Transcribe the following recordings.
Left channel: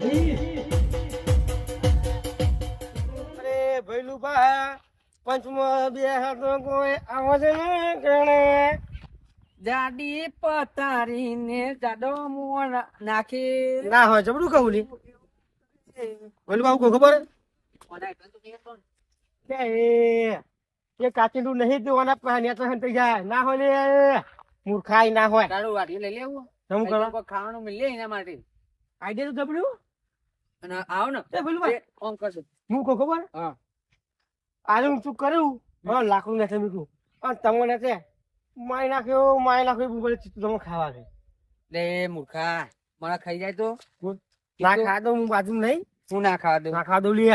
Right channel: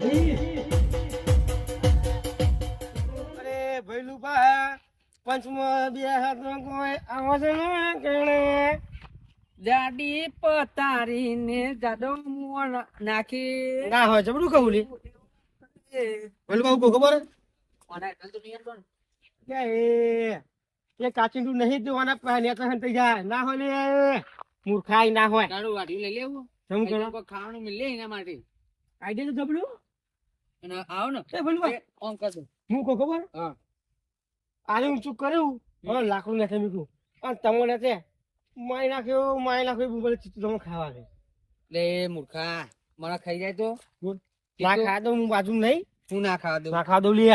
અરે ભઈલું બા પંચમાં બે હાથનો કોઈ આવો છે ને ગણે? જાડી પતારીને જાડો મોણ નાખી. ના હોય જબડું કહું લી. ભઈલું બા કહું ખબર? કે એ એ નહીં દેવાના તો થઈ જાય. ના હોય લે મૂર્ખાઈ ના હોય. તારું લઈ લેવું. શું ખાવાનું મિલે એના માટે. આઈડિયા તો જબડું અને આવો ને. એ ભઈલું ઓમ કરજો હું કહું ખબર? હા. આજે હું ચૂક કર્યું હવે લાકડું નથી મીઠું અને તમને માય નાખ્યો માય નાખ્યો બધું તમે ખાવા છે લે મૂર્ખા મને ખાઈ જાય તો? બોલ. ના ખા હું બાજુ નહીં. હું ના ખાવા દઉં? ના ખા દો લે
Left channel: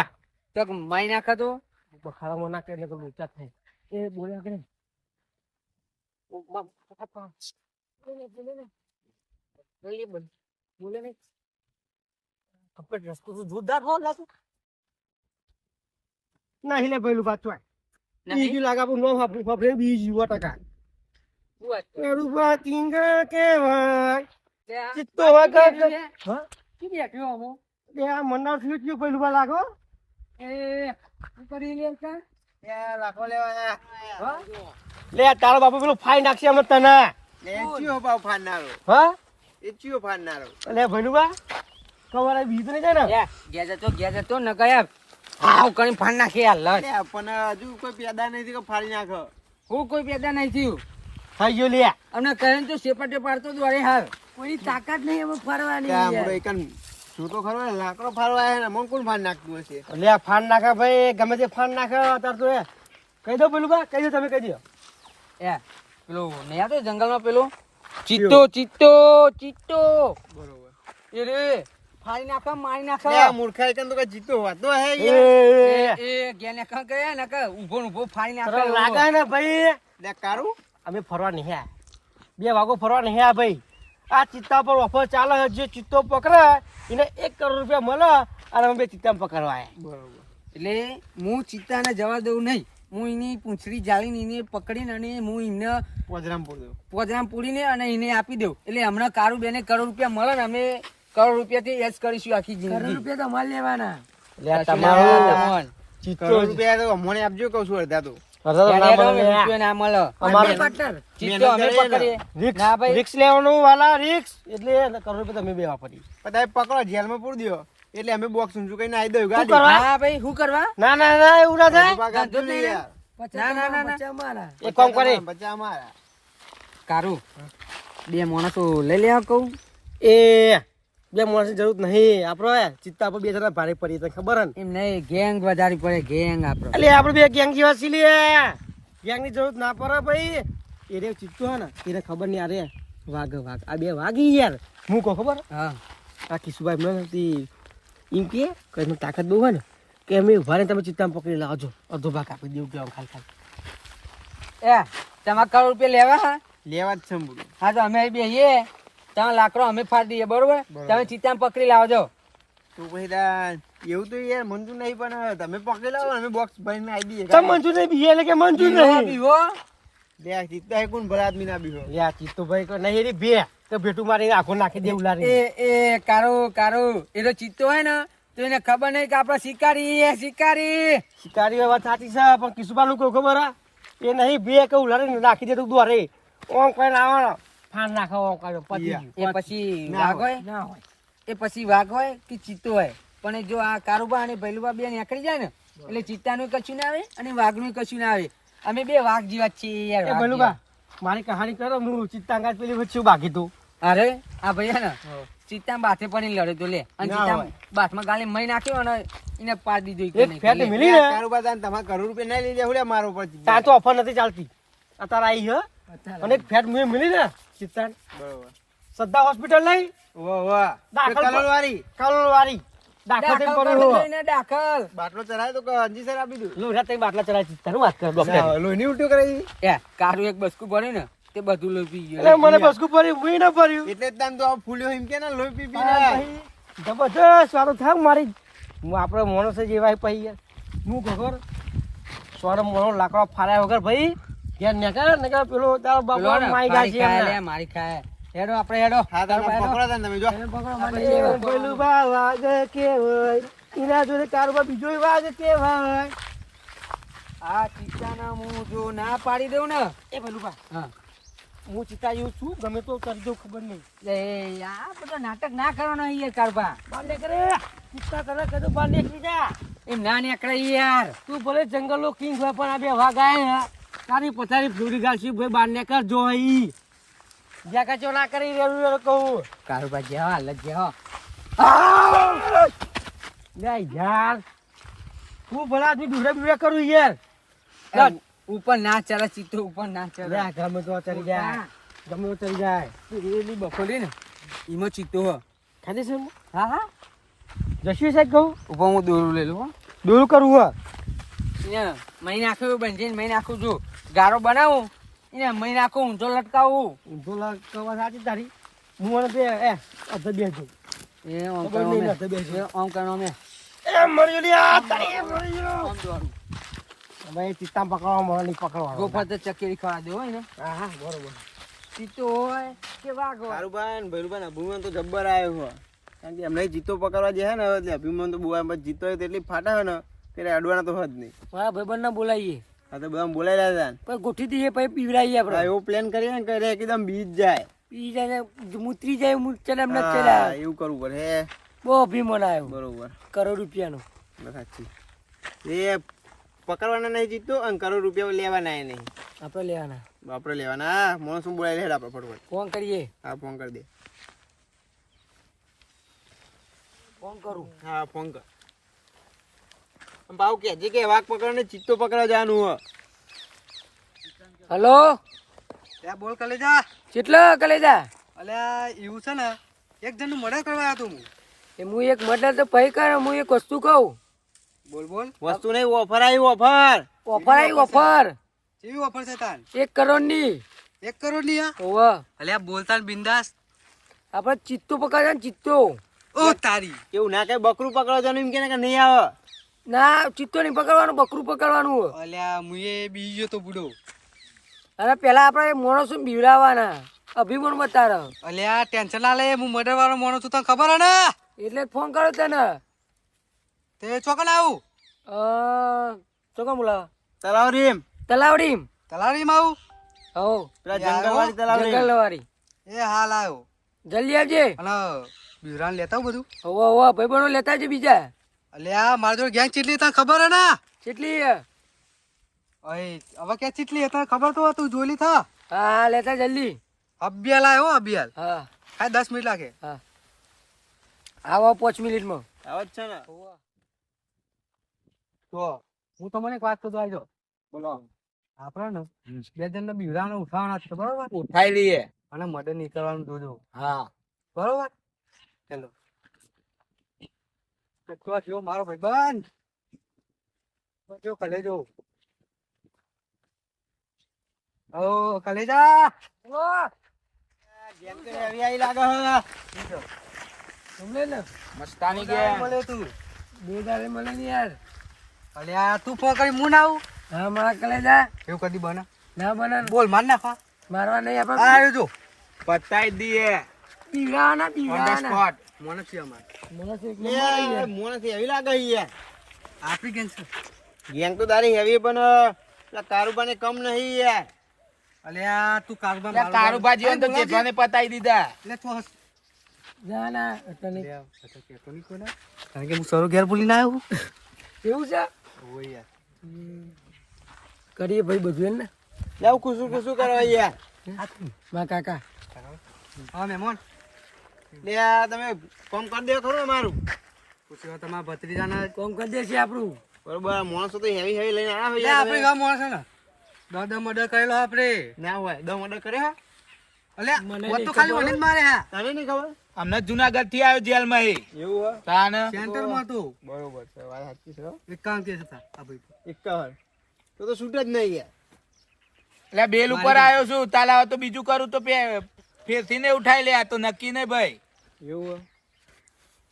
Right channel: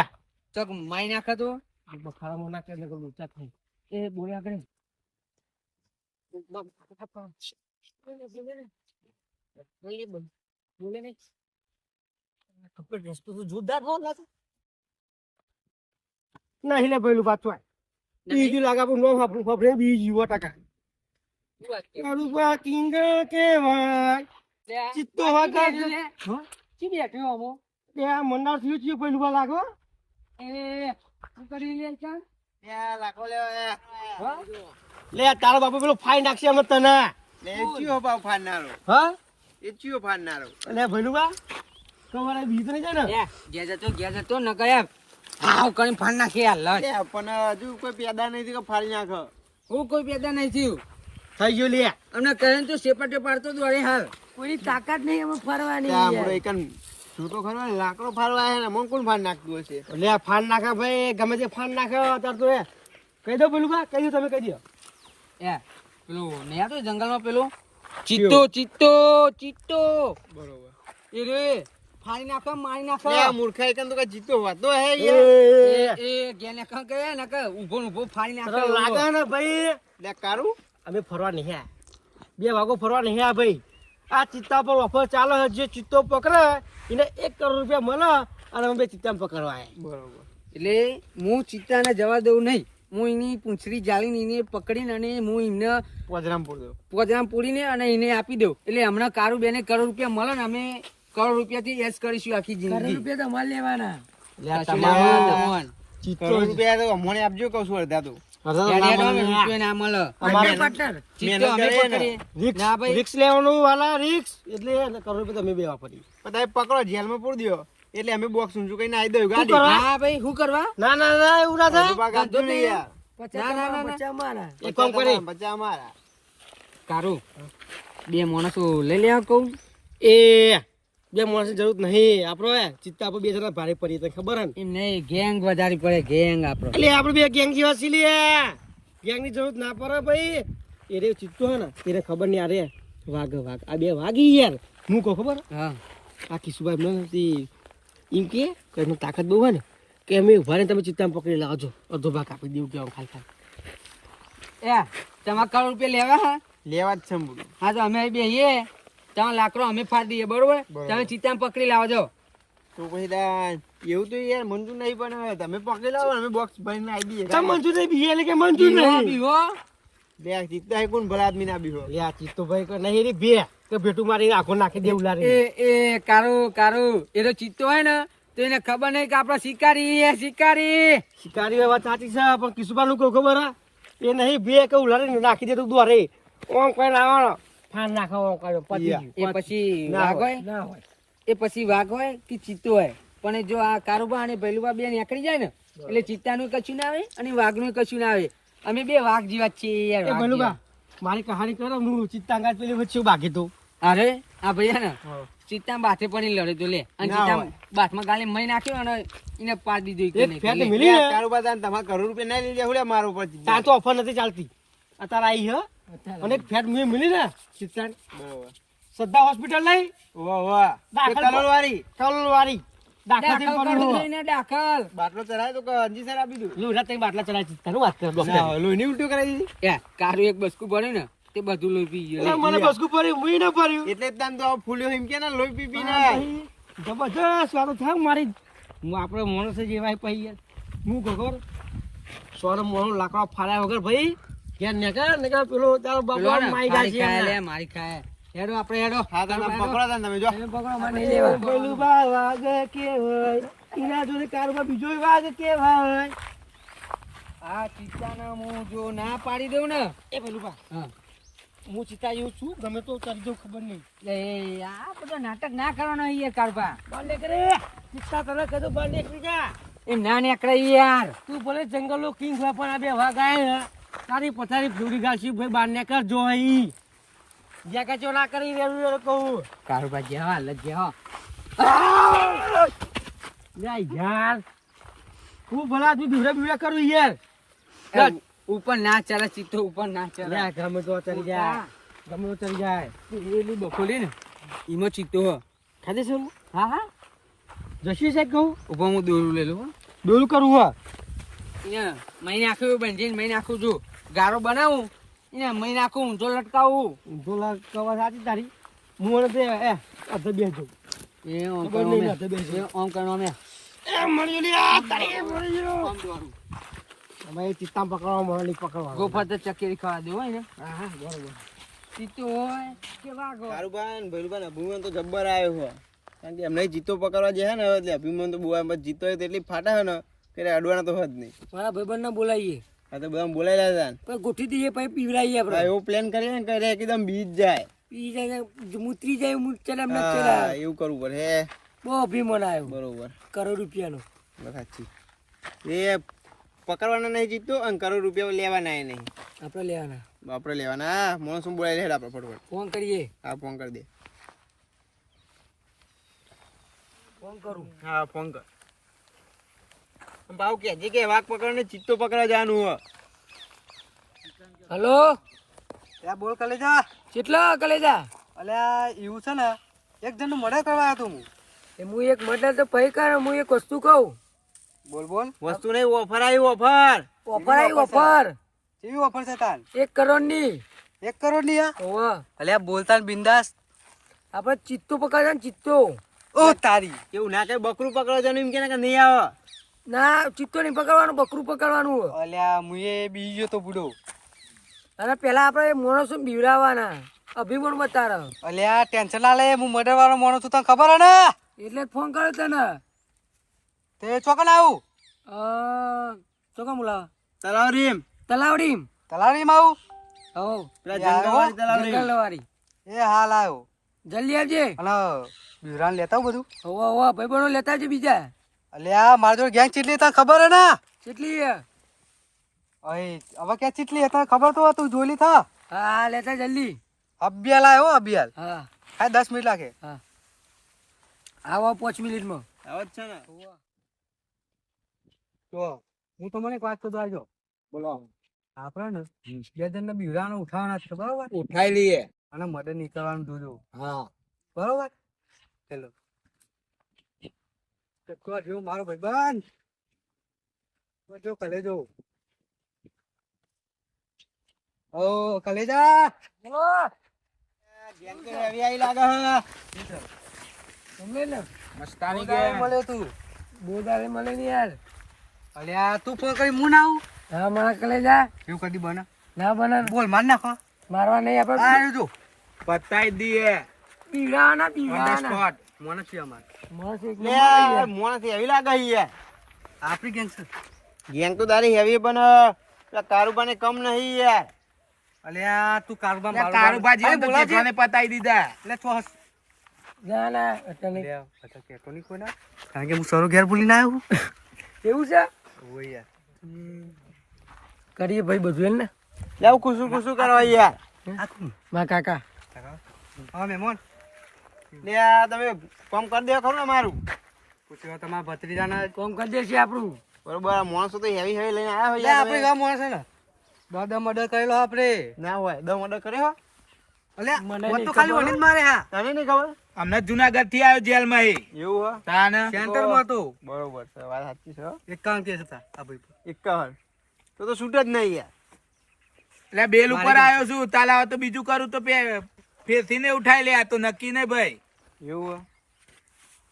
ચોક માઈ નાખા તો? બખાડામાં ના કરે તો લોચા થાય. એ બોલ્યા કરે બોલે નહીં કપડે રસ્તો તો જોરદાર હો લાગે. નહીં લે પેલું પાછું બીજું લાગે આપણું નો વાપરે બીજું સો ટકા રૂપા કિંગા કેવાય ચિત્તો વાગા કી બેઠ્યો અમો બે આ મન્નાર થયું થયું પેલું બા લાગો એ શું કરી લે લાખો લે તારા બાપુ પેલું ફાઈ નાખશે અમે તને. ચિયો ભાવ ફાડનારો હા? એ ચિયો ફાડનારો એટલે ભઈલું બા કવારે બીજ નહીં જાય ને? ગયા જતો ગયા જતો ન ગયા હાવ કરીને ફાન નાખી આ લડ. પણ હજુ કોઈ પેદા નહીં થયું કે ફાડી નાખો? હું કોઈ પેદા નહીં થયું. થઈ ગયો લે. અમને કહે ને તો સેપટે પાડતો દોડે હાલ. કોઈ તાકાત નહીં એમાં ફરવાની આપણો એકન તો ખરો લાકડો ફાડવા હે ને મન કોણ ફાડ નાખતું હશે? લે ફાડ નાખે ભાઈ ગમે તે ફાડ નાખે અત્યારે તો એ. કહી દો પેલું બા કહી દો તમે કહી દો. એ પેલો નહીં તો જંગલમાં પેલો? ચિત્તો ચિત્તો ચિત્તો. બરોબર. એ રે ફાડી નાખા મારી નાખા. આ મૂર્ખા એકન તો કઈ જીતો હોતો. હે યાર. એ એ ગયા ને ગયા ને કાં ઊભો ઊભો ફાડી નાખા. લાગે ને ભાઈ? લે કારું. અમે ફરવા નહીં આયા બે વાગો ફરવા નહીં આયા ભાઈ. આ ચિત્તા પર ઓફર ચાલે છે. જે ચિત્તો પકડે એને એક કરોડ રૂપિયા મળે અને અમે બે ચિત્તા પકડવા બરોબર. એટલે હું ચિત્તાને જવા દઉં નહીં. હું એની પૂંછડી જાળીને એને પકડીને અને હું એમને પોદરામ પૂર દો પોદરામ પૂરીને અને એને આપી દઉં. એટલે હમણાં કારું બેને કરોડ રૂપિયા મળે ને અમે કરોડ રૂપિયા થી એસ કરીશું આખી જિંદગી. રૂપિયા તમારે લેવાના કરોડ રૂપિયા તો અમને આપજો કહું છું અડધા તો. પકડો જેલમાં પૂરી દો એટલે અમે બોક્સ ઊંચું કઈ આવી દઉં ગાડી. હા ભાઈ શું કરવા? ના ના ના એવું ના થાય. એક કામ કરે બચ્ચા અમારા કારું. બે માણસો લઈ લેવા કહું. એ બે માણસની જરૂર નહીં. આપડે ચિત્તા પર બે જણા ભારે પડી તને ખબર હે ને? એમ નહીં ગેંગ વધારી પડે ગેંગ આપણો એટલે આપડે બે ગેંગ જેવા છીએ લે. ગેંગની જરૂર ના પડે ભાઈ. એ રે ચિત્તો હે ને એને ખબર નહીં અરે વાઘ વાઘ. આ બે વાગી યાર. હું કહું ખબર? હા. આ કિશુભાઈ મને નથી એમ કે એની તાકાત બહુ હોય ને કે અમે ઊભા તમે ચિત્તામાં પકડી લાવજો અડધો ભાગ આપી દેવું કે ખાલી ખાલી. એ તમારે કરોડ રૂપિયા લેવા હા? લેવા જ છે હા તો અમે બેહીએ. ત્યાં લાકડો અમે ફાડી દઈએ બરોબર? તમે ચિત્તામાં પકડી લાવજો તો પછી એવું તો યાર મંજૂર નહીં પણ તમે પકડી લાવો અમે બોક્સ ભરીને આવી દઈએ. તમે મંજૂર નહીં બીજે એટલે કે મંજૂર નહીં. બીવો બે ચિત્તા હે કોણ ભલા આદમી ના બીહો લે ચિત્તો ભાઈ કે નહીં એની બે કે ભેટું મારી આખો નાખી દેવું લારે એ એ કારો કારો એ તો ચિત્તો હોય ને તો એને ખબર નહીં કે આપણો શિકારી એ શિકારી. શિકારી વાત સાચી છે પણ કિશુભાઈ લોકો ખબર હે? એ નહીં બે કે ઉલાડીને નાખી દે તું દોરે. ઓમ કઈ આવવાનો ફાન નાખો કાઢો પતી એ પછી વાઘ હોય, હોય ના હોય. એ પછી વાઘ હોય કે ચિત્તો હોય? પણ જો આ કારુબા અને ભૈલુબા બે નીકળી જાય ને એટલે ચિત્તાનું કશું ના આવે અને વાઘનું કશું ના આવે. અમે બે વાઘ જેવા છીએ યાર એ મારી કહાની કરો હું ચિત્તાંગાજ પેલી વચ્ચે બાકી તો અરે આ ભૈયા ને ચિત્તા બાથે પણ લડે તો લે. અને ચિત્તા. બાથમાં ગાલે મય નાખ્યો અને એને પાડી દીધું એક ફેટ નહીં. મિલી ને. કારોબાર તાન તમારે કરોડ રૂપિયા નહીં લઈ લે મારો પર તાર તો ઓફર નથી ચાલતી. અત્યારે આવી હે. અને એક ફેટ મેં મિલી ને ચિત્તાન બરોબર. શ્રદ્ધા હોસ્પિટલ નહીં? વાહ વાહ. દાખલ કલોલ વાળી કલોલ વાળી દાખલ થઈ દાખલ. બાટલો ચડાય તો અંજી સર આપી દઉં? લુરા તઈ બાટલા ચડાય ચિત્તાનું વાત કરે. ડોક્ટર. લોહીની ઉલટી કરાવી દીધી કારું એક બસકું ભર્યું ને તે બધું લોહી પી ગયું. મને બસકું ભર્યું મુઈ ન ભર્યું. એટલે જ તો ફૂલ્યો એમ કે ને લોહી પી પી ના જબરદસ્ત વાળું મારી. હું આપણે માણસ જ એવા પછી યાર. હું ખબર? સોનો મોનો લાકડો ફાડ્યા વગર ભાઈ ઘેર નેકર નેકર પેલો તારો બાપો માઈ ગા છે લે, મારી ખાય. હેડો આપણે હેડો. હા તમે પકડો તા તમે જો. તમે પકડો મને નહીં લેવા. પેલું બા વાઘ કેવાય ઇના જોડે કારોબાર બીજો વાઘ કેવાય આ ચિત્તાને હું જો ના પાડી દઉં ને એ પેલું બા. હા. હું ચિતા એવું છું ગમે તો કરી દઉં ખબર નહીં. લે આ બધો નાટક ના કરવાના યાર કારબા બાલે કરે ચિત્તા તને કદું બાલે બીજા એ ના નીકળે યાર. તું ભલે જંગલો કિંગ હોય પણ આ બે વાગ આયા. ને તારી પથારી ફ્લુરી ગાલસી ભાઈ બાર ને કર જોઈ. જ્યાં કચો ના કરી રેલું વેલું કહું. કારબા જેવા લગ જેવા લે યાર હું ભલા આદમી દૂરે બીવડા કરું યાર. ઉપર ના ચાલે ચિત્તો ઉપર ના ચાલે. ગમે તો ચડી જાય. ગમે તો ચડી જાય. પેલી બફોલી ને ઈમો ચિત્તો ખાલી ખાધી છે હા હા. જશી સાહેબ કહું? ઉપર હું દોરું લઈ લઉં હો. દૂર કરવું હોય અહીંયા મહી નાખ્યું બંધીને મહિને આખું છું ગારો બનાવું એને મહી નાખું ઊંધો લટકાવું. ઊંધો લટકાવવા સાચી તારી? હું તે એ અધ બેજો એ ઓમ કરો મે એ ઓમ કરો મે એ મળી ગયો લ્યા, તારી મળી ગયો. ઓમ દોરું. ભાઈ ચિત્તા પકડવા મળી પકડવા ગોફર તો ચકેરી ખાવા દે હોય ને હા હા બરોબર. ચિત્તો હોય કે વાઘ હોય કારુબાન ભૈરુબાન અભિમાન તો જબ્બર આવ્યો છે કારણ કે એમને જીતો પકડવા જે હે ને એટલે અભિમાન તો બહુ જીતો હોય તેટલી ફાટા હોય ને ત્યારે અડવાના તો હોય જ નહીં. મારા ભાઈબંધને બોલાવીએ. આ તો બધા બોલાયેલા હતા પણ ગોઠવી દઈએ પછી પીવડાવીએ આપણે. એવો પ્લાન કરીએ ને કરે એકદમ બીજ જાય. પી જાય મૂતરી જાય મૂતરે એમને ચલા એવું કરવું પડે હે. બહુ અભિમાન આવ્યો. બરોબર. કરોડ રૂપિયાનો. સાચી. એ પકડવાના નહીં જીતતો અને કરોડ રૂપિયા લેવાના એ નહીં. આપણે લેવાના. આપણે લેવાના. મોણ મોણસ શું બોલાય લે આપણે ફટફટ. ફોન કરીએ. હા ફોન કરી દે. ફોન કરું. હા ફોન કર. ભાવ કે જે કે વાઘ પકડને ચિત્તો પકડા જવાનું હલો? ત્યાં બોલ કલેજા. કેટલા કલેજા? અલ્યા એવું છે ને એક જણનું મર્ડર કરવા આવ્યો હું. એ હું એક મર્ડર તો પહી કર હું એક વસ્તુ કહું. બોલ બોલ. વસ્તુ નહીં ઓફર આવી ઓફર. ઓફર આવી ઓફર કેવી ઓફર છે તાન એક કરોડની એક કરોડની ઓવા. અલ્યા બોલતા બિંદાસ. આપણે ચિત્તો પકડ્યા ને ચિત્તો. ઓ તારી. એવું ના કઈ બકરું પકડવા જવાનું એમ કે ના કે નહીં આવો. ના ચિત્તો નહીં પકડવાનું બકરું પકડવાનું. અલ્યા મુએ બીજો તો બુડો. અને પેલા આપણે મોણસો બીવડાવવાના અભિમાન બતાડો અલ્યા ટેન્શન ના લે હું મર્ડર વાળો માણસ છું તને ખબર હે ને? એટલે ફોન કર્યો તને. તે ચોકન આવું? અ, ચોકો બોલાવો તલાવ રીમ તલાવડી તલાવ આવું? હો. પેલા જંગલવાળી તલાવ રીમ જંગલવાળી એ હાલ આવ્યો જલ્દી આવજે. હલો બીવરાન લેતા આવું બધું? હોવા હોવા ભાઈ બનો લેતા આવજે બીજા. અલ્યા મારા જોડે ગેંગ ચીટલી તને ખબર હે ને? કેટલી અય હવે ક્યાં ચીટલી તને ખબર તો તું જોલી થા? હા હા લેતા જલ્દી. અભિયાલ આવ્યો અભિયાલ. હા. હા દસ મિનિટ લાગે. હા. આવો પાંચ મિનિટમાં. આવે છે ને. તો હું તમને એક વાત કરું આવજો. બોલો. આપણે બે જણ ને બીવડાને ઉઠાવવાના છે બરોબર? ઉઠાઈ લઈએ. અને મદદ નીકળવાનું જોજો. હા. બરોબર? ચલો. તો જો મારો ભાઈબંધ. જો કલેજો. ઓ કલેજા. ગેંગ તો heavy આવી લાગે હે. ને? મસ્તાની બે મળે તું. બે દાડે મળે ને યાર. અલ્યા તું ફોન મું ના આવું? હા મારા કલેજા. એવું કદી બને. ના બને બોલ માર નાખો. મારવા નહીં આપડે આપણે આવ્યો જો. પતાઈ દઈએ સ્પોટ મોને છે અમાર. માણસ લાગે યાર. ગેંગ છે. ગેંગ તો તારી હેવી પણ કમ નહીં યાર. અલ્યા તું પતાઈ દીધા. એટલે તો ના ના નહીં. કારણ કે હું સરો ઘેર બોલીને આવ્યો. એવું છે? ઓય યાર. કરીએ ભાઈ બધું એમ ને? લે હું ખુશું ખુશું કરવા યાર. મારા કાકા. હા મહેમાન. લે તમે કામ કરી દે ખરું ને મારું પૂછ્યો તમારા ભત્રીજાના કોમ કરી દેશે આપણું. બરોબર માણસો તો હેવી હેવી લઈને આવ્યા હોય આપણે ગામ માણસો ને. દાદા મર્ડર કરેલો આપણે. ના હોય દમ ઓર્ડર કર્યો હા અલ્યા મને વોટ નહીં તો ખાલી ખબર. જ મારે હા. તને નહીં ખબર? અમને જુનાગઢથી આવ્યો જેલમાં એ. એવું હો તાને? સેન્ટરમાં હતો. બરોબર છે વાત સાચી છે હો. એકાવન કેસ હતા આ ભાઈ પર. એકાવન. તો તો છૂટ જ નહીં યાર. એટલે બેલ ઉપર આવ્યો છું. તાલાવ તો બીજું કરું તો ફેરથી ઉઠાઈ લે આ તો નક્કી નહીં ભાઈ. એવું?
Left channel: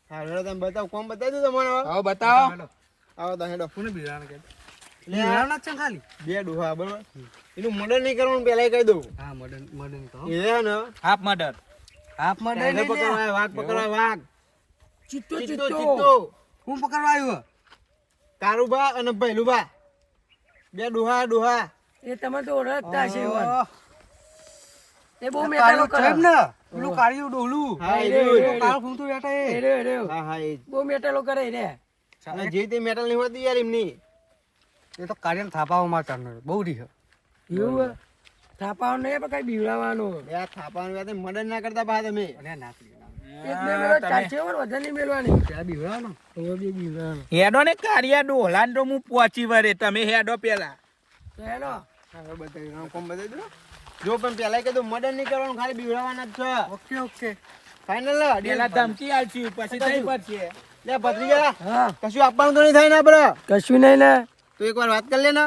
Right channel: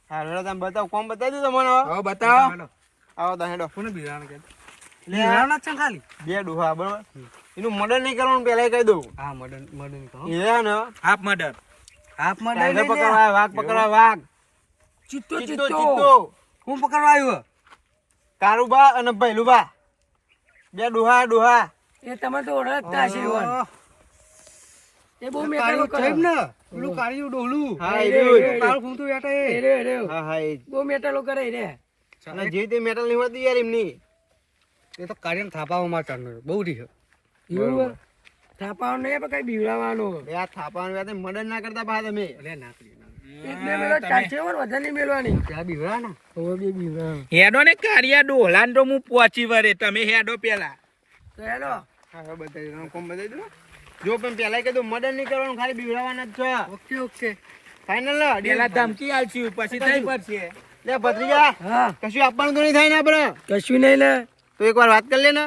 હો હેડો તમે બતાવો કોમ બતાવી દીધો મને હવે. હવે બતાવો. આવો તો હેડો. કોને બિરાણ કે લે છે ખાલી? બે ડોહા બરોબર? એનું મર્ડર નહીં કરવાનું પહેલા કહી દઉં. હા મર્ડર મર્ડરની કહો એ ને? Half murder. હાથમાં દઈ ટાઈગર પકડવા વાઘ પકડવા વાઘ. ચિત્તો ચિત્તો. હું પકડવા આવ્યો? બા અને ભૈલુબા બે ડોહા ડોહા. એ તમે તો ઓળખતા છે એ બહુ કાળિયું કરે ને? પેલું કાળિયું ડોલું હા એ એ રહ્યો, રહ્યું. એ રહ્યો. કાળું ફૂમતું બેઠા એ. એ રહ્યો, એ રહ્યો. હા હા એ. બહુ મેટલો કરે રે અને જે તે મેટલની હોતી યાર એમની. એ તો કાળિયાને થાપામાં ચાલનાર બહુ રીહ. એવું હે? નહીં પણ કઈ બીવડાવવાનું બે આ વાત મદદ ના કરતા બા તમે. અરે ના કરી ના. હવે ડોલા હેડો ને તો હું પહોંચી વરે તમે હેડો પેલા. તો હેલો હા હા બતાવી દો કોમ બતાવી દો જો પણ પેલા કીધું મદદ નહીં કરવાનું ખાલી બીવડાવવાના જ છે. Okay okay. ફાઇનલ પેલા ધમકી આલશી પછી થઈ પડશે લે ભત્રીજા હા. કશું આપવાનું તો નહીં થાય ને આપડે? કશું નહીં ને એક એકવાર વાત કરી લે ને.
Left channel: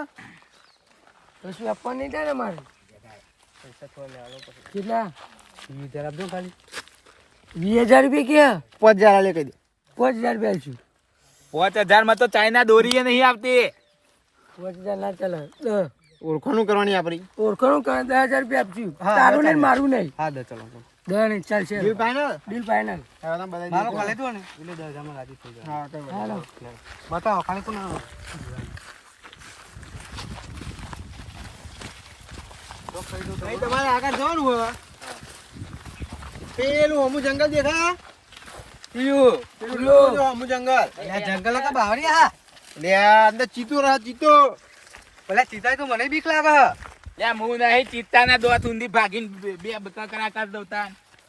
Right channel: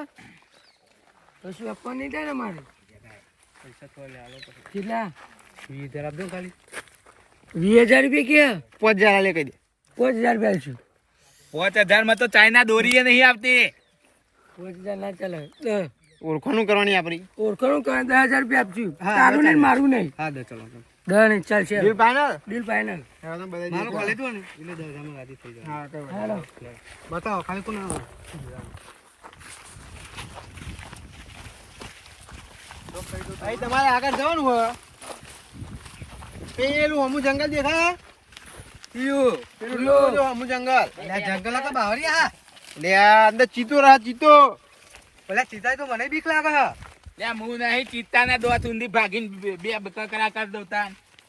કશું આપવાનું નહીં થાય ને મારે? કેટલા? ઈ હજાર આપજો ખાલી. વીસ હજાર રૂપિયા ક્યાં? પાંચ હજાર લે કહી દે. પાંચ હજાર રૂપિયા આલશું. પાંચ હજારમાં તો ચાઇના દોરીએ નહીં આવતી. પાંચ હજાર ના ચાલે. ઓળખાણું કરવાની આપણી? ઓળખાણું કરે દસ હજાર રૂપિયા આપજો તારું નહીં મારું નહીં. હા દસ ચલો. દસ નહીં ચાલશે ડીલ ફાઇનલ ડીલ તમે મારો દો. કોલ ને? એટલે દસ હજારમાં રાજી થઈ જાય. હા હાલો બતાવો ખાલી કોણ આવે? તમારે આગળ જવાનું હોય. પેલું અમુ જંગલ દેખાય? કયું પેલું. જો જંગલ. જંગલ કા બાવરિયા હા લે અંદર ચીતો રહા ચીતો. પેલા ચિતા તો મને બીક લાગે હે. હું નહીં ચિત્તાના દોત ઊંધી ભાગીને બે-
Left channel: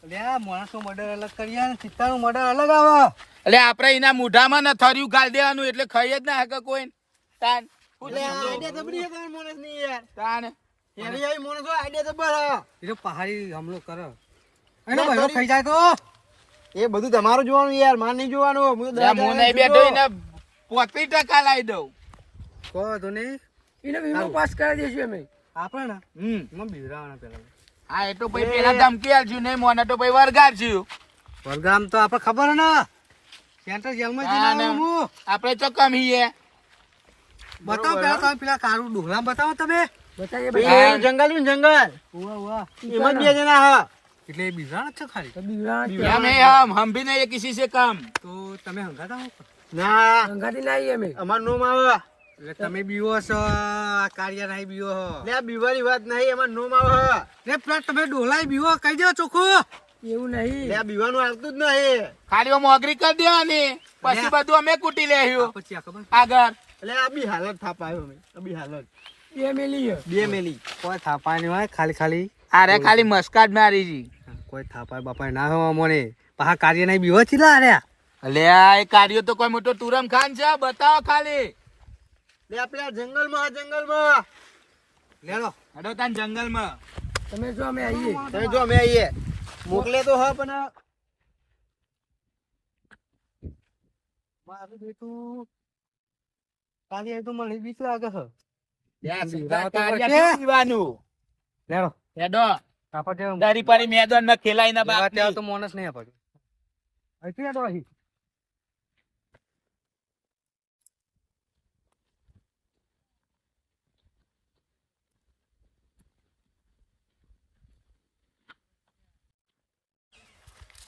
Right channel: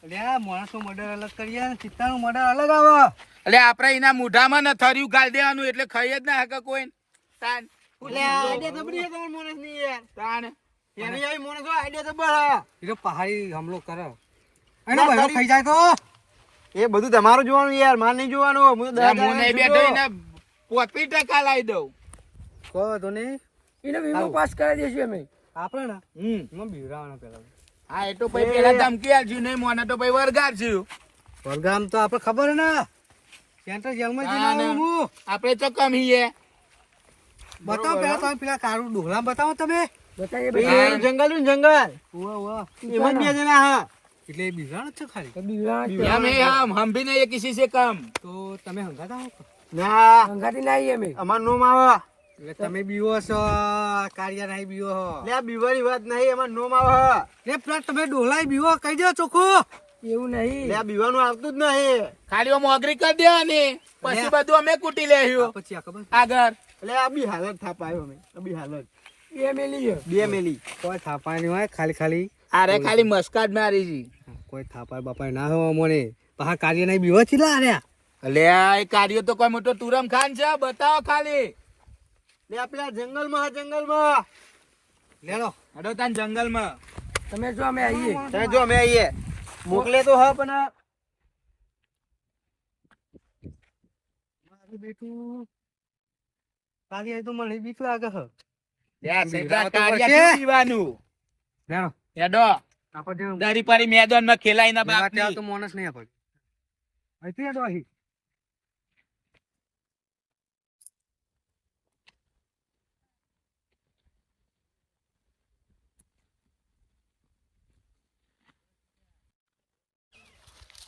લે માણસો મર્ડર અલગ કરીએ ને ચિત્તાનું મર્ડર અલગ આવે. એટલે આપણે એના મોઢામાં ને થર્યું ગાળ દેવાનું એટલે ખાઈ જ ના હકે કોઈ તાન પહાડી હમલો કરે. ખાઈ જાય તો? એ બધું તમારું જોવાનું યાર માર નહીં જોવાનું. હું ટકા લાવી દઉં. કહો તો નહીં. એને વીમો પાસ કરાવી દઈશું અમે. આપણે ને? હમ એમાં બીવરાવાના પેલા. હા એ તો ભાઈ પેલા ધમકી આપજો નહીં મોને તો ભાઈ વર્ગ આપજો તો આપણે ખબર ને? સેન્ટર જેલમાં જઈને હું. આપણે તો કમ હીએ બતાવો પેલા તમે પેલા કારું ડુંગરા બતાવો તમે. જંગલ જંગલ. એટલે હમ ભી નહીં કિસી સે કામ. તો તમે ના હંગાતી નહીં અમે. અમાર તમે બીવો છો કાળિયા નહીં બીવો લે બીવાની વાત નહીં એમાં નોમ આવે લે પેલા તમે ડોલાય બીવો કહી દો ચોખ્ખું. એવું નહીં. લે બીવાનું આવતું જ નહીં. ખાડીઓ મોગરી કરી દે અને પછી બધું અમે કૂટી લેહ્યું પછી ખબર આગળ. એટલે આ બી હાલત થાપાયો અમે. આ બી હાલત. બે મેલી બે મેલી. કોઈ થાપાની હોય ખાલી ખાલી અરે ખાલી મસ્કાટ મારી જી કોઈ થાપાય બાપાય ના હોય મને પાહા કાર્ય નહીં બીવો છીલા અરે લે આ કાર્ય તો કોઈ મોટો તુરમ ખાન છે બતાવો ખાલી. લે પેલા જંગલમાં જંગલમાં. લેલો હેડો તાન જંગલમાં. તમે જો અમે આવીએ તમે જો અમે આવીએ મોકલે તો હા પણ મારું બેટું કાળિયા તો મને બીક લાગે હ લે સીધા તો કાર્યા પડશે. શું પીવાનું? લેલો હેડો દરી પાડી મેદાનમાં ખેલાઈ ના બાપ તો માણસ નહીં આપડે. અહીંથી હેડો અહીં.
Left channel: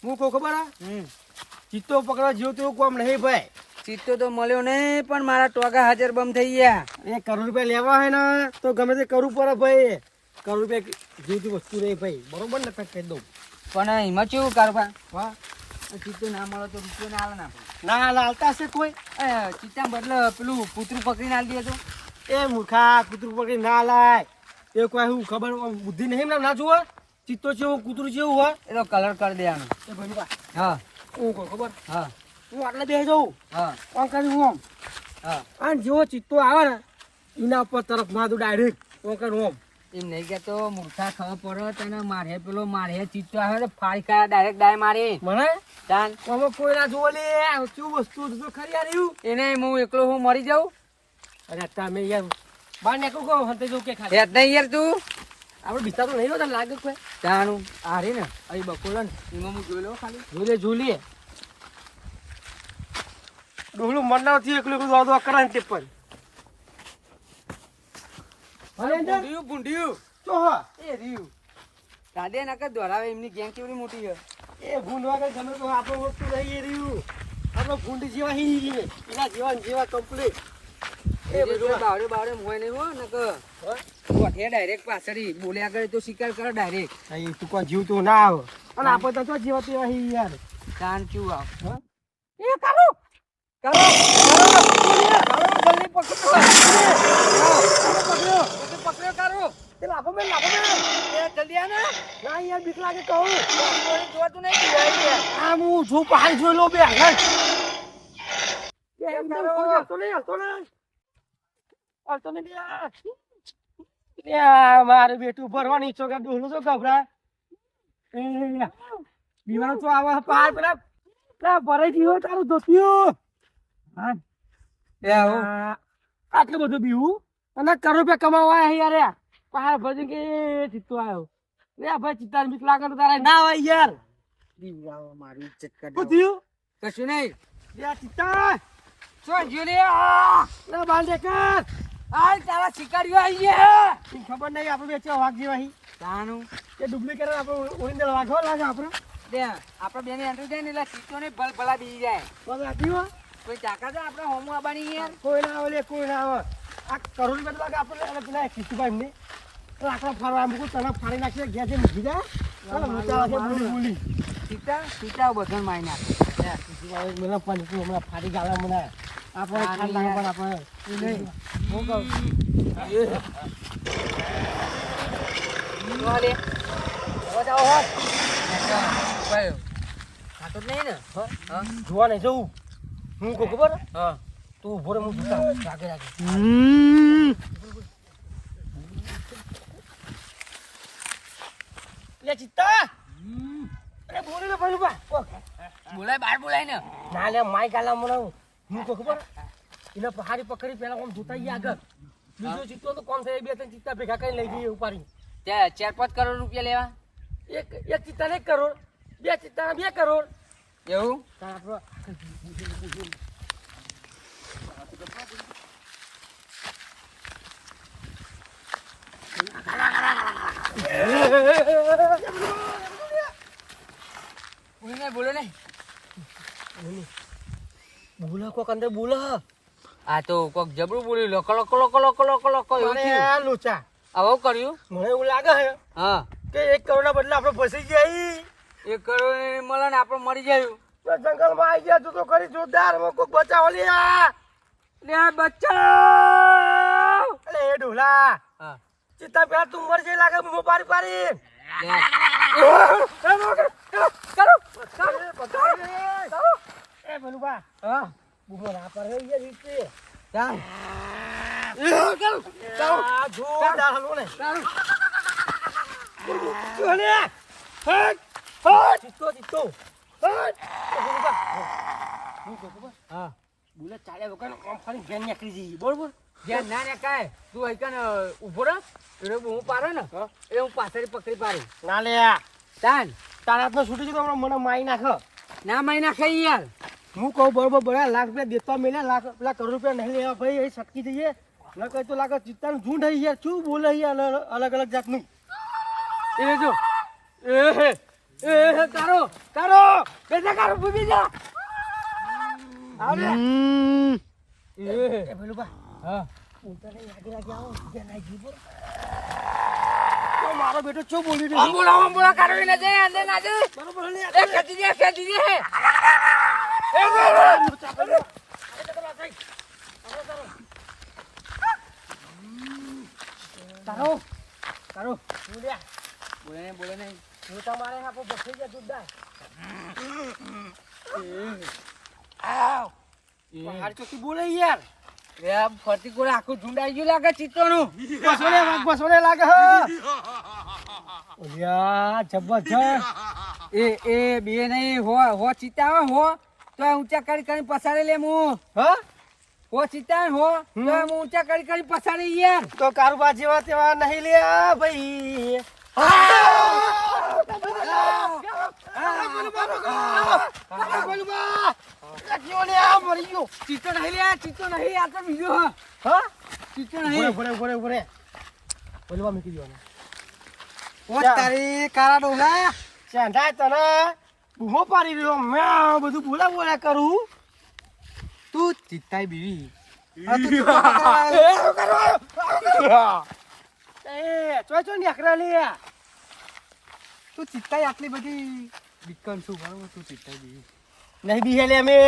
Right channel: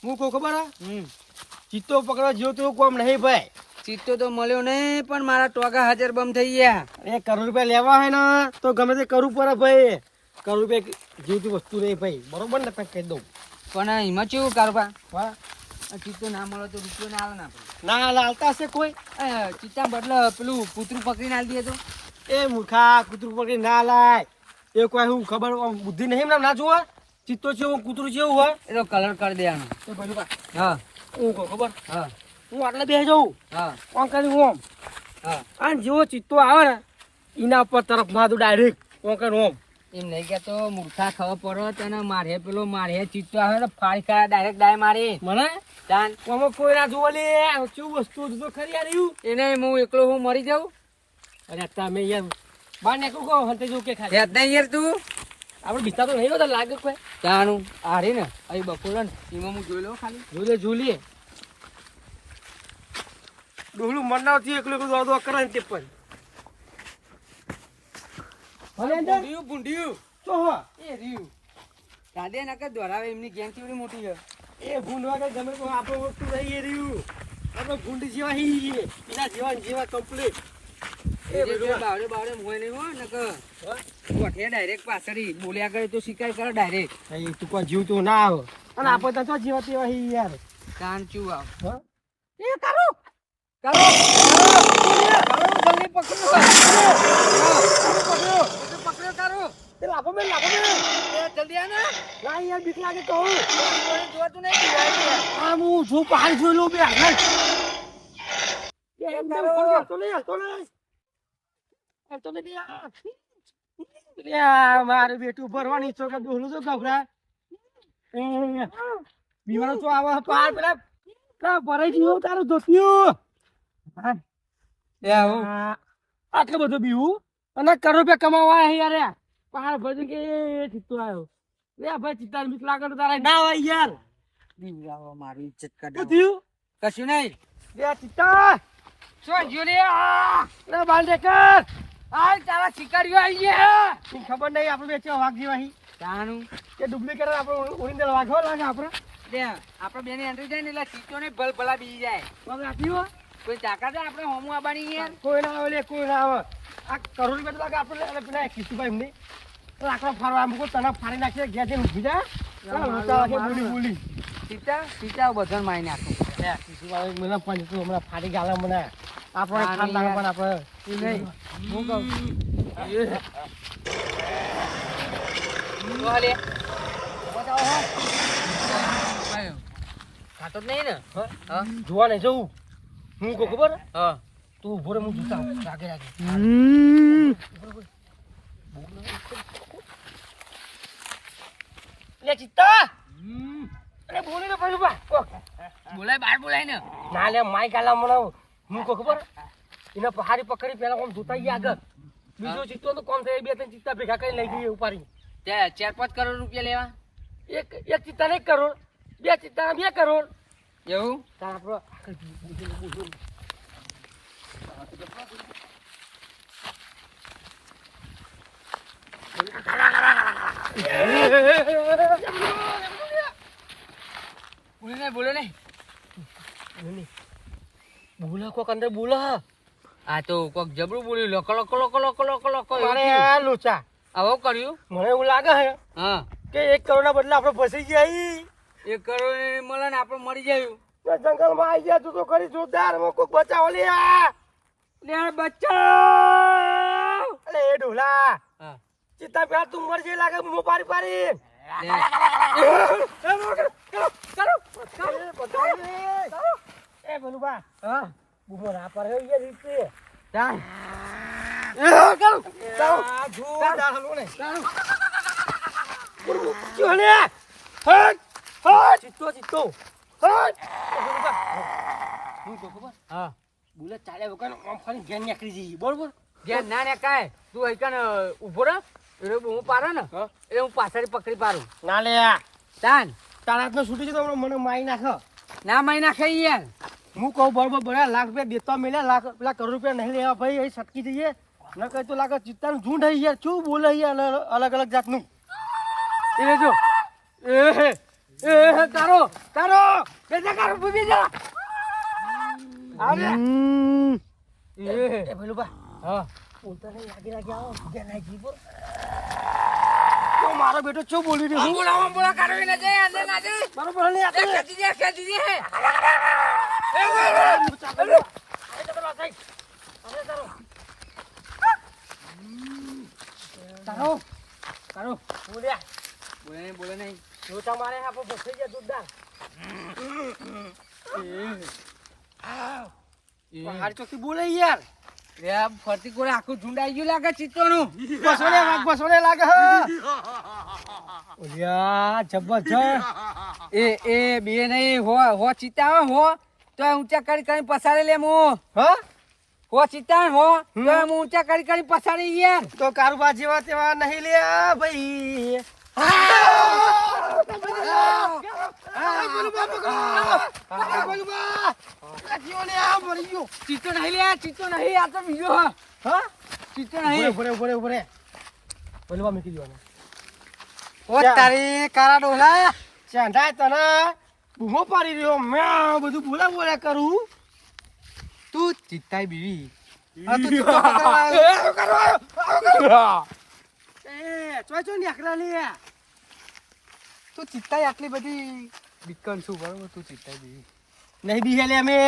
હું કહું ખબર હે? ચિત્તો પકડવા જેવો તેવું કોમ નહીં ભાઈ. ચિત્તો તો મળ્યો નહીં પણ મારા ટોકા હાજર બમ થઈ ગયા. એ કરોડ રૂપિયા લેવા હોય ને તો ગમે તે કરવું પડે ભાઈ. કરોડ રૂપિયા જેવી વસ્તુ નહીં ભાઈ. બરોબર ને તક કહી દઉં. પણ એમાં કેવું કારોબાર? હા ચિત્તો ના મળે તો રૂપિયો ના આવે ના ના લાલતા હશે કોઈ? ચિત્તા બદલે પેલું કૂતરું પકડીને આવી દે તો. એ મૂર્ખા કૂતરું પકડી ના લાય એ કોઈ હું ખબર બુદ્ધિ નહીં ના જોવા ચિત્તો જેવું કૂતરું જેવું હોય? એ તો કલર કરી દેવાનો. એ હા. હું કહું ખબર? હા. હું આટલે બે જઉં? હા. આમ કરી હું આમ? હા. અને જેવો ચિત્તો આવે ને એના ઉપર તરફ ના દઉં ડાયરેક્ટ આમ કરી ઓમ એમ નહીં કેતો મૂર્ખા ખબર પડે તને મારે પેલો મારે ચિત્તો આવે ને ફાળી કા ડાયરેક્ટ ડાય મારી. મને? તાન. કોમો કોઈ ના જોવો લે કેવું વસ્તુ તો ખરી આવ્યું એને હું એકલો હું મરી જાઉં? અરે તમે યાર બહાર નીકળું કહો હંતે જો કે ખાલી. યાર તું. આપણે બીતા તો નહીં હોતા લાગે કોઈ. જાણું આ રે ને અહીં બપોર ને. એમાં હું જોઈ લઉં ખાલી. ઝૂલે ઝૂલે ડુહલું મરનાવથી એકલું એકલું વાદો કરે ને ટેપર પર. ભૂંડિયું ભૂંડિયું. તો હા. એ રહ્યું. દાદે ના કે દોરાવે એમની ગેંગ કેવડી મોટી છે? એ ભૂંડ વાગે ગમે તો આપણે વસ્તુ નહીં એ રહ્યું. આપણે ભૂંડ જેવા હી એના જેવા જેવા કમ્પ્લીટ એ બધું બાવડે બાવડે મોય નહીં હો નકર. ગોઠે ડાયરેક્ટ પાછળ બોલ્યા કરે તો શિકાર કરો ડાયરેક્ટ એ તું કોઈ જીવ તો ના આવે. અને આપણે તો જેવા તેવા હી યાર? કાન ચું આવ એ કરો. કરો. કરો. જલ્દી પકડો. પકડો. પકડો. કરો તે લાભો મેં લાભો મેં જલ્દી આવ ના યાર બીક લાગે કહું જોતું નહીં. હું છું પહાડ જોઈ લો બે હાલ. એમ તેમ ફોન કરતો નહીં હાલતો નહીં હાલતો નહીં મારે બેટું ભરવાની ચોકા ડોલું તો ગભરા એ તો આવા પાર પેલા પેલા ભરાઈ ગયો તારું ધોતિયું. આટલું બધું બીવું. અને કરોડ રૂપિયા કમાવા આયા યાર. પહાડ ભજી કે ચિત્તો આવ્યો લે ભાઈ ચિત્તા મિત લાગે તો તારે ના હોય યાર. દીવડાવો મારી ઇજ્જત કર કશું નહીં. લે ચિત્તા આ! તારા શિકારીઓ આવી ગયા ખબર નહીં આપણે વેચવા વાઘ જેવા તાનું? કે ડુપ્લિકેટ આપણે વાઘો લાગે આપણે? બે આપણે બેને અંદર જાય ને એટલે સીટો ને ભલ ભલા બી જાય. કોઈ તાકાત આપણે હોમું આબાની યાર કોઈ ના આવે કોઈ ના આવે. આ કરોડ રૂપિયા લાગે આપણે અને પેલા કિસ્તુભાઈ એમને. રાખવા ફરવા મૂકો તને ફાડી નાખીએ ઘેર જઈને ઊભી જાય બોલી બોલી. સીતા સીતા બધન મારી નાખું. લે કિસ્તુભાઈ મને પંચ હમણાં ફાડી ગાલે મને. આપણે લાગે પણ આપણે નહીં. હું કહું. ખાતો નહીં ને જોવા નહીં જવું. હું કહું ખબર? હા. તું ઊભો રે હું જોતા રાગે રાગે લે ચિત્તા. અરે બોલી ને પેલું બોલાય બાર બોલાય ને. ના લે માય ગાલા મને હું કહું ખબર? એને પહાડી પકડી પેલા આમ ગયા આગળ. બીજો ચિત્તો તો કોમ થાય બે ત્રણ ચિત્તા ભેગા કરીને લઈ ગઈ ઉપાડી તે ચાર પાંચ કરોડ રૂપિયા લેવા? એક એક ચિત્તા એક કરોડ બે ચિત્તા બે કરોડ. એવું? બોલો ને. બોલો ને. બોલા કોક અંદર બોલા આ તો કોક જબરું બોલ્યું લકો લકો લકો લકો લકો લકો થયું. આ લોચા આવો કર્યું મને એવું લાગે હે હા કે એક કરોડના બદલે આપણે ફસી ગયા એક કરોડ મળે ને આપણે મરી જાય જંગલમાં આવી ગયા તું તો કરી જોરદાર કોક બચાવો લે આ. લે બચ્ચા અરે એ ઢોલા હા ચિત્તા પ્યાર તું મર જઈ લાગે મો પારી પારી લે એ પેલું હા? બુમો ના પર એ રીતે ચાલ. આ જોરદાર હલવો ને. ચો લે હટ હટ. ચિત્તો ચિત્તો. હટ. એ પેલું હું. કહું ખબર? હા. બુલેટ ચાલ્યા વગર આમ ફરી ઘેર નીકળી જઈએ. બરોબર? ધ્યાન ના ને કાંઈ. તું અહીં ઊભો રહે. એટલે હું પાડે ને. એટલે હું પાછળ પકડી પાડું. ના લે તાન તારાત નો છૂટી જતો મને મારી નાખ. ના મહિના ખાઈ યાર. હું કહું બરોબર બરા લાખ રૂપિયા દેતા મિલે લાખ પેલા કરોડ રૂપિયા નહીં લેવા ભાઈ એ સટકી જઈએ. ન કહે તો લાગે ચિત્તાનું ઝૂંડ હઈ યાર શું બોલે યાર અલગ અલગ જાતનું. એ જો. એ હે એ હે કારો કારો બેટા કારો ભૂમી જા. આવે. એ પેલું બા હા. ઉતરે નહીં લાગી લાગી આવો ઘેર નાઈ બોલ. તો મારો બેટો શું બોલી રહ્યો બોલા આમ બોલા કારો ને જાય અંદર ના જાય. બરોબર નહીં એ ખેંચી જાય ખેંચી જાય. તારો તારો. બોલ્યા. બોલે નહીં બોલે નહીં. જો તમારે આપો બસી ગયા જોરદાર પહાડ ચોકી બોલે યાર. આ ફરતી કોરે આખું ઝુંડ ગયું લાગે ચિત્તોનું બસોને બસોને લાગે ઓલિયા જબરજસ્ત. એ એ બે નહીં હો હો ચિત્તા હો. તો ઊંચા કરી કરી પસાડી લે હું હા. હો ચિત્તા હો. તો હું ઊંચા કરી કરી પસાડી યાર તો કારુબા જેવા તેવા નહીં લે ભાઈ. કારા ચાંદાય તને બૂમો પાડી રહ્યો મેં બધું બોલા બોલા કરું તું ચિત્તાઈ બીવી આ પકડવા આવ્યો. એ ચોય ચોય લે તું ચિત્તાઈ આટલી બધી બીકન છું બરોબર? તું ચિત્તાય બી. નહીં બી લે અમે.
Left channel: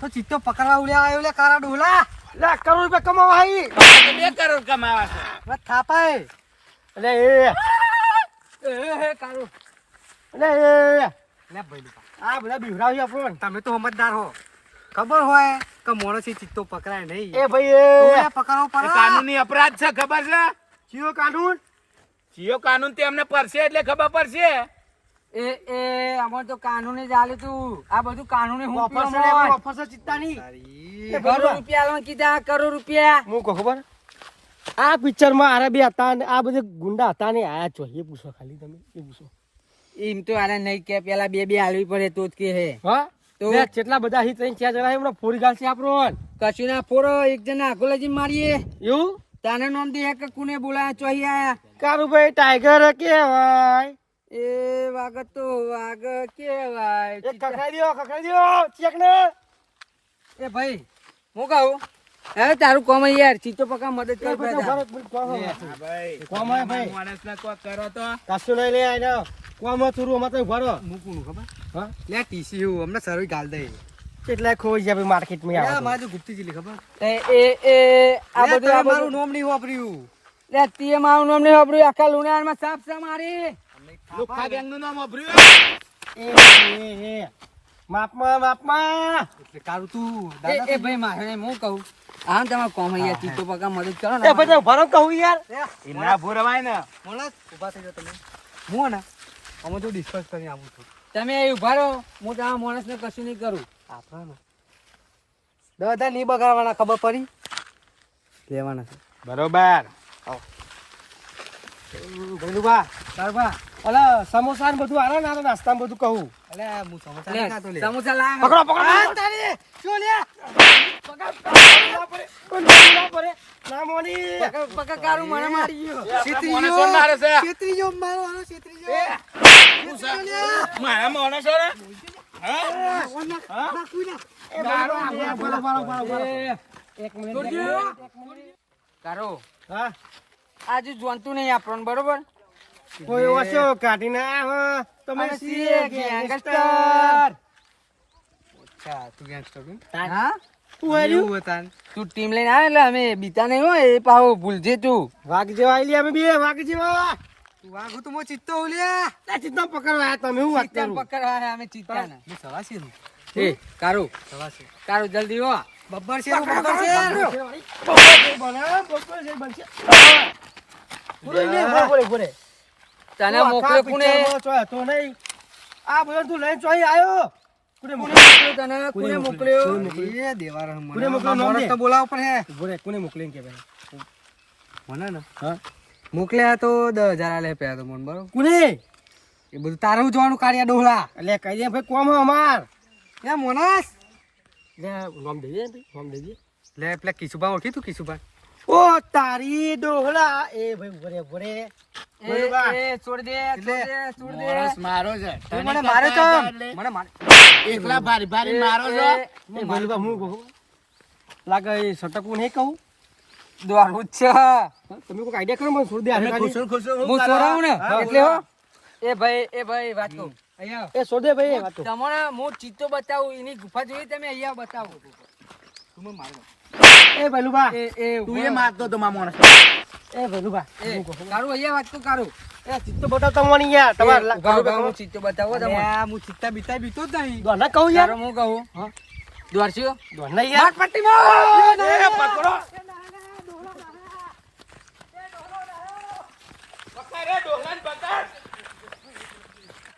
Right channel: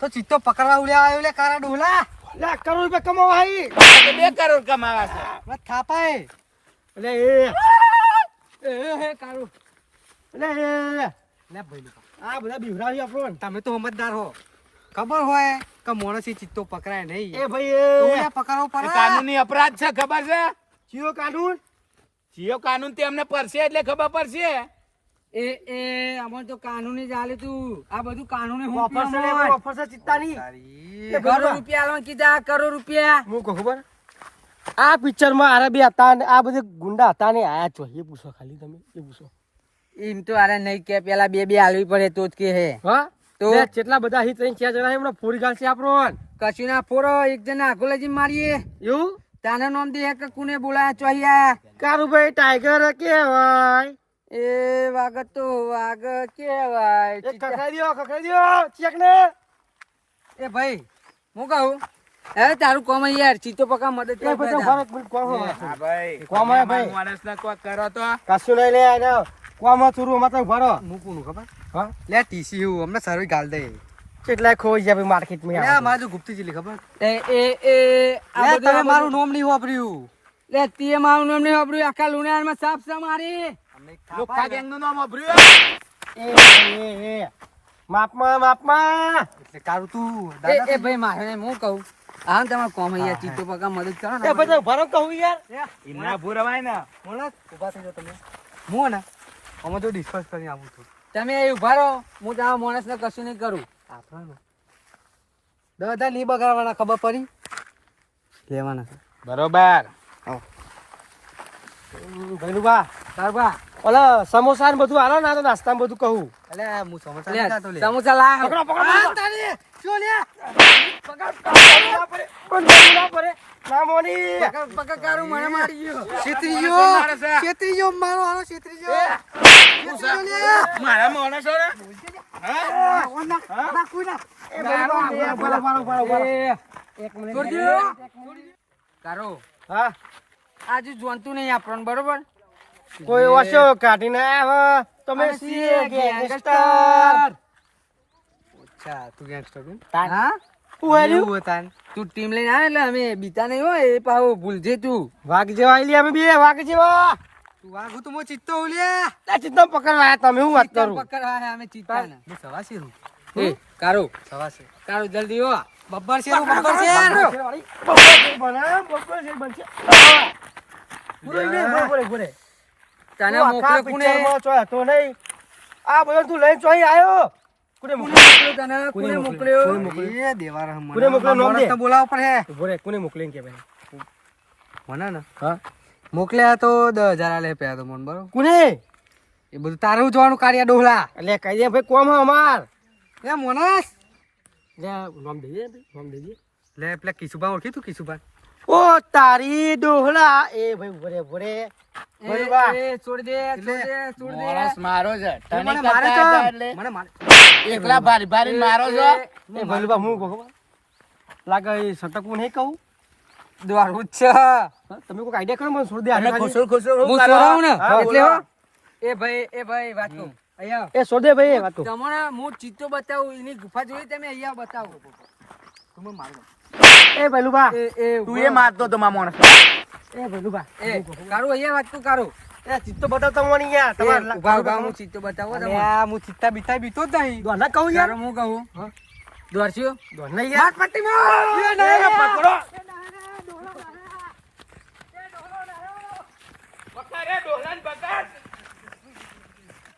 તો ચિત્તો પકડવા ઉડ્યા આવ્યો લે કારા ડોલા. લે કરોડ રૂપિયા કમાવા આવી. બે કરોડ કમાવા છે. બસ થાપાય. એટલે એ. એ હે કારું. એટલે એ. લે ભાઈ લુકા. આ બધા બિવરાવી આપણો તમે તો સમજદાર હો. ખબર હોય કે માણસી ચિત્તો પકડાય નહીં. એ ભાઈ એ. પકડવો પડે. કાનૂની અપરાધ છે ખબર છે? જીઓ કાનૂન જીઓ કાનૂન તે અમને પડશે એટલે ખબર પડશે. એ એ અમાર તો કાનૂની ચાલે તું. આ બધું કાનૂની હું ઓફિસર. ઓફર ચિત્તાની કરોડ રૂપિયા આલવા કીધા કરોડ રૂપિયા. હું કહું ખબર? આ પિક્ચરમાં આરા બી હતા ને આ બધે ગુંડા હતા ને આયા છો. એ પૂછો ખાલી તમે એ પૂછો. એમ તો આરે નહીં કે પેલા બે બે આલવી પડે તો જ કે હે. હા? તો? કેટલા બધા હિત ત્રણ ચાર જણા હમણાં ફોરી ગાલ છે આપણો કશું ના ફોરો એક જણા આખો લઈ મારીએ. એવું? તાને નામ દે કે કુને બોલાયા ચોહિયા કારું કારુભાઈ ટાઈગર કેવાય એ વાગ તો વાગ કેવાય એક દો દ્યો દો ચેક ને. એ ભાઈ હું કહું? અરે તારું કોમ યાર ચીતો પકા મદદ કર કોમ. હા ભાઈ ભાઈ. માણસને કોક કરો તો. કશું નહીં લે આને કોમ થોડું મતલબ ભરો. હું કોનું ખબર? હા? લે ટીસી હું અમને સર્વી ગાલ દે. કેટલાય ખોઈ જાય માર્કેટમાં આવે મારે તો ગુપ્તી જીલી ખબર. એ એ એ આ બધું મારું નામ નહીં વાપર્યું. લે તે મારું નામ નહીં વાપર્યું આખા લુણામાં સાફ સા મારી લોખા ગેંગનું નામ વાપર્યું એ. એ એ માપમાં માપમાં. એટલે કારું તું એ એ ભાઈ મારે હું કહું? આમ તમારે કોમ અહીંયા ચીતો પગા મદદ કરો ને એ બધું ભરો કહું યાર. ઇના ભૂરવાય ને. મોણસ ઊભા થઈ જાઓ તમે. હું ને? અમે તો ડિસ્કસ કરી આવું છું. તમે અહીં ઊભા રહો. હું તમારા માણસને કશું નહીં કરું. દાદા નહીં બગાડવાના ખબર પડી? લેવાના છે. બરોબર. ભૈલુભા ઓલો સમોસા ને બધું આલો ને આ નાસ્તામાં બધું કહું. એટલે હું સમોસા નહીં ખાતો લે. સમોસા લાવ પકડો પકડો પકડો. શું લે? આજુ જોનતું નહીં આપણને બરોબર કોઈ ઓછો કાઢી ના તમે. તું ગેંગસ્ટર હા હું હતા. તું ટીમ લઈને આવે એટલે અમે બીતા નહીં હોય એ પાહો ભૂલજે તું. વાઘ જેવા આવી અમે બે વાઘ જેવા. તું વાઘું તો મો ચિત્તો ઉલ્યા આ ચિત્તમ પકડવા તમે હું વાત કરું? પકડવા અમે ચિત્તા ને સવાસી છું એ કારો? સવાસી. કારો જલ્દી હો. બબ્બર છે બબ્બર છે. બપોર બને, બબ્બર છે બનશે. પૂરે લે, પૂરે. તને મોકલે કોને? પિક્ચરમાં નહીં. આ બધો તું લઈને ચોય આયો. કોને મોકલ્યો? તને? કોને કોને મોકલ્યો? મોકલ્યો? એ દેવાર હમ કોને મોકલ્યો નામ તો બોલાવ પર હે. ઊભો કોને મોકલીને કે ભાઈ. મને ને? હા. મોકલ્યા તો દસ હજાર આલે પે તો મન બરોબર? કોને એ બધું તારું જોવાનું કાર્ય ડોહલા? એટલે કહી દે ભાઈ કોમ હે અમાર? એ મોનસ? લે નામ દેજે ભાઈ, દેજે લે પેલા કિશુબા ઓળખી તું કિશુબા ઓ તારી ડોહલા. એ ભાઈ ઊભો રે. લાગે સટકવું નહીં કહું? દોડવું જ છે. તમે કોઈ આઈડિયા કરો મને છોડી દે હારે ખુશો ખુશો હું કરો? ને? એટલે એ ભાઈ એ ભાઈ વાત કહું. અહીંયા. એ છોડી દે ભાઈ એ વાતો. તમને હું ચિત્તો બતાવું એની ગુફા જોઈ તમે અહીંયા બતાવો. તમે મારો એ ભલુબા એ એ તું એ મારતો તો મારા માણસ એ ભલુબા એ કારું અહીંયા વાત તો કારું. એ ચિત્તો બતાવતા હું યાર. તમારે ઊભા ઊભા હું ચિત્તો બતાવો હું ચિત્તા બીતા બીતો જ નહીં. કહું યાર? હું કહું? યાર. પકડો.